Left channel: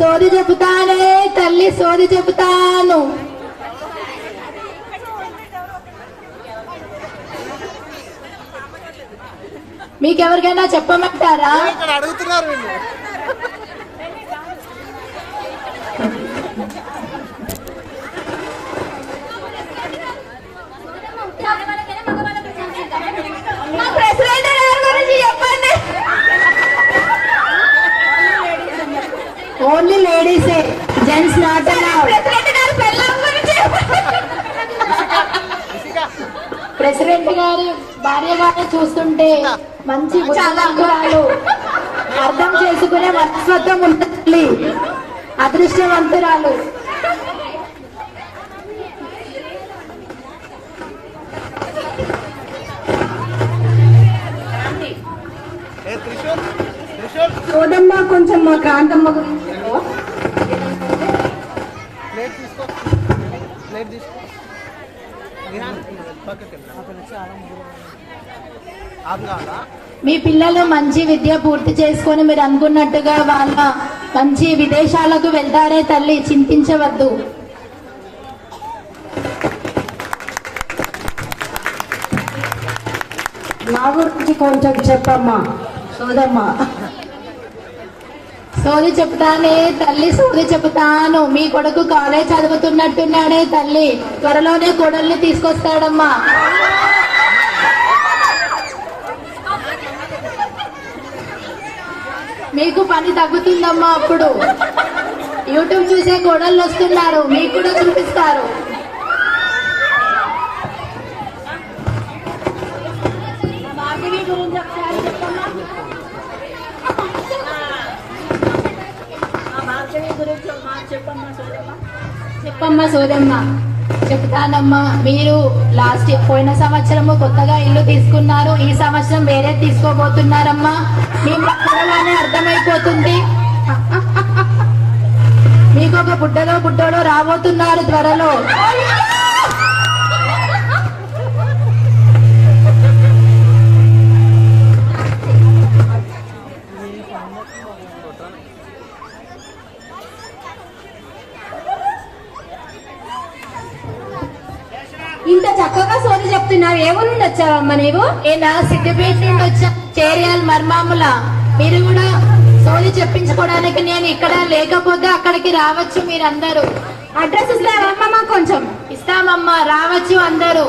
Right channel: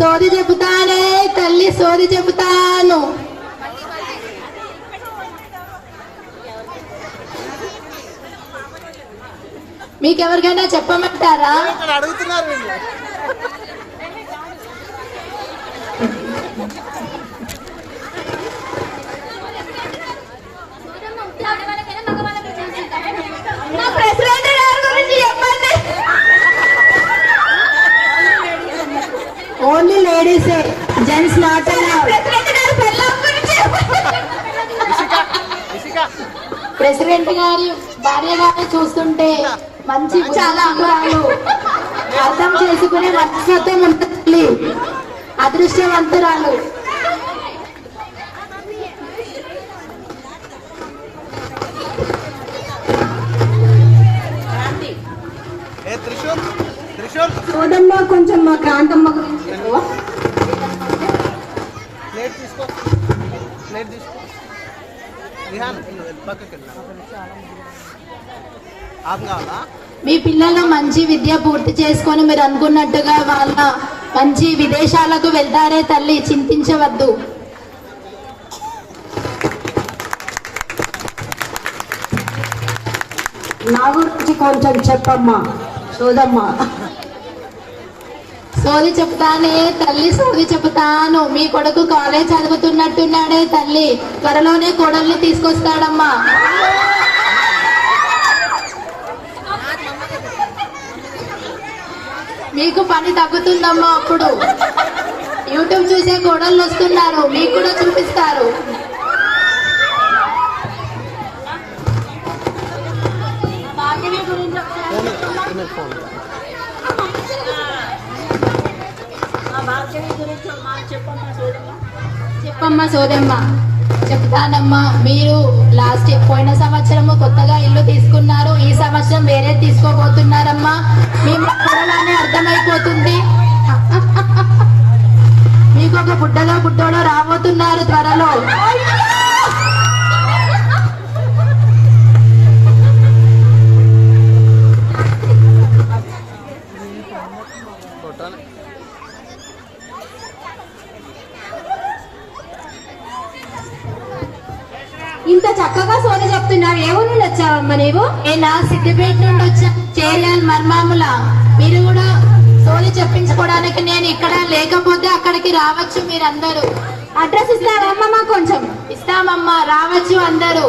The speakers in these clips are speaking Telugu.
సోది చెబుతానే తల్లి సోది చెబుతాను. మీకెవరికైనా చెప్పమంటారా? అడుగుతున్నారు. ఓన్లీ లేడీసే, జెంట్స్ నాట్ అలౌడ్. ప్రెసిడెంట్ గారి భార్య గారిని చూస్తుంటే మంచి గుణాలు అర్థం చేసుకునే మనస్తత్వం ఉంటుంది, అదృష్టవంతురాలు. చూడమ్మా కొంచెం మా కాంతమ్మ గురించి. మీ పిల్లలు మంచి విద్య పూర్తి చేసుకొని మీరు అనుకున్నట్టుగా వాళ్ళ మంచి విదేశాలకు వెళ్తారే తల్లి, చింతించవద్దు. నా గురించి కొంచెం చెప్పమ్మా సోదమ్మా. సోది చెప్తానే తల్లి సోది చెప్తాను. మీ కొడుకు కాలేజ్ చదువుతున్నట్టున్నాడే తల్లి, త్వరలోనే కోడల్ని తీసుకొస్తాడమ్మా. మీకు పని తగ్గుతుందమ్మా. అప్పుడు యూట్యూబ్ చూసే కోడళ్ళు వస్తున్నారు, మీకు కూడా చూపిస్తారు. చెప్పమ్మా సోదమ్మ. చెప్తానమ్మా. మీరు లాస్ట్ పోయిన సంవత్సరము కొత్తగా ఇల్లు తీసుకున్నారు, ఈ సంవత్సరం వేరే తీసుకోబోతున్నారమ్మా. మీకు త్వరలోనే అర్థమైపోతుంది. మీకు ఒక పుట్టలో రాబోతున్నారు త్వరలో. ఇంత చక్కగా సోని చెప్తున్నారు. ఏ ఊరు నుండి వచ్చావమ్మా నీవు? నేను సిద్దిపేట నుండి వచ్చా, చేరియాలి మర్మాముల. మీరు కూడా సోని చెప్పించుకోవడానికి నేను ఇక్కడ లేకపోతే అక్కడికి రావచ్చు మీరందరూ. అడ్రస్ ఇస్తావమ్మా? కొంచెం ఇస్తామమ్మా, రావచ్చు అందరూ.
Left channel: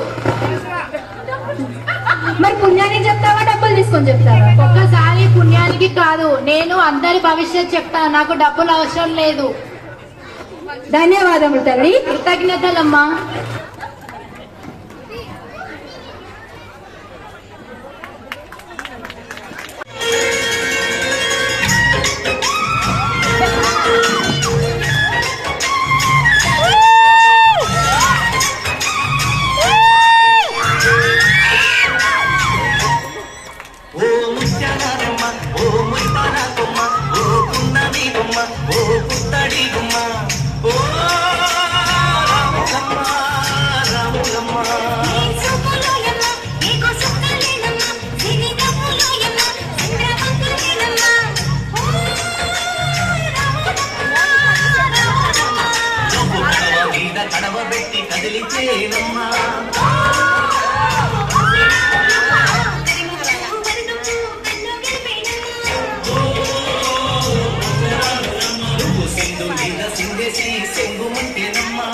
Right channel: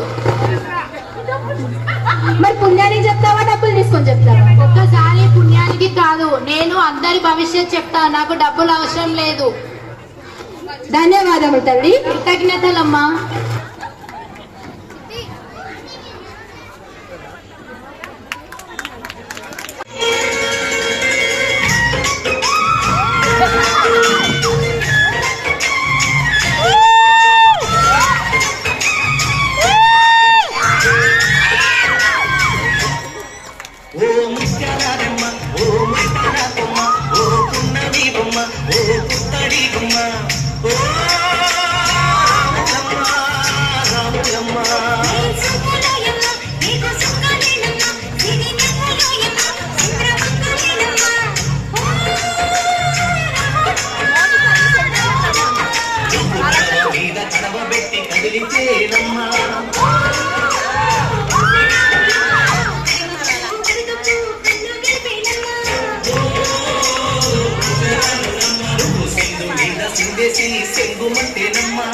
మరి పుణ్యానికి చెప్తావా డబ్బులు తీసుకొని చెప్తావా? ఒక్కసారి పుణ్యానికి కాదు, నేను అందరి భవిష్యత్ చెప్తాను, నాకు డబ్బులు అవసరం లేదు. ధన్యవాదములు తల్లి. కృతజ్ఞతలమ్మా. కడవబెట్టి కదిలితేనమ్మా సింధు మీద సింధేసి సెంగుమంటేనమ్మా.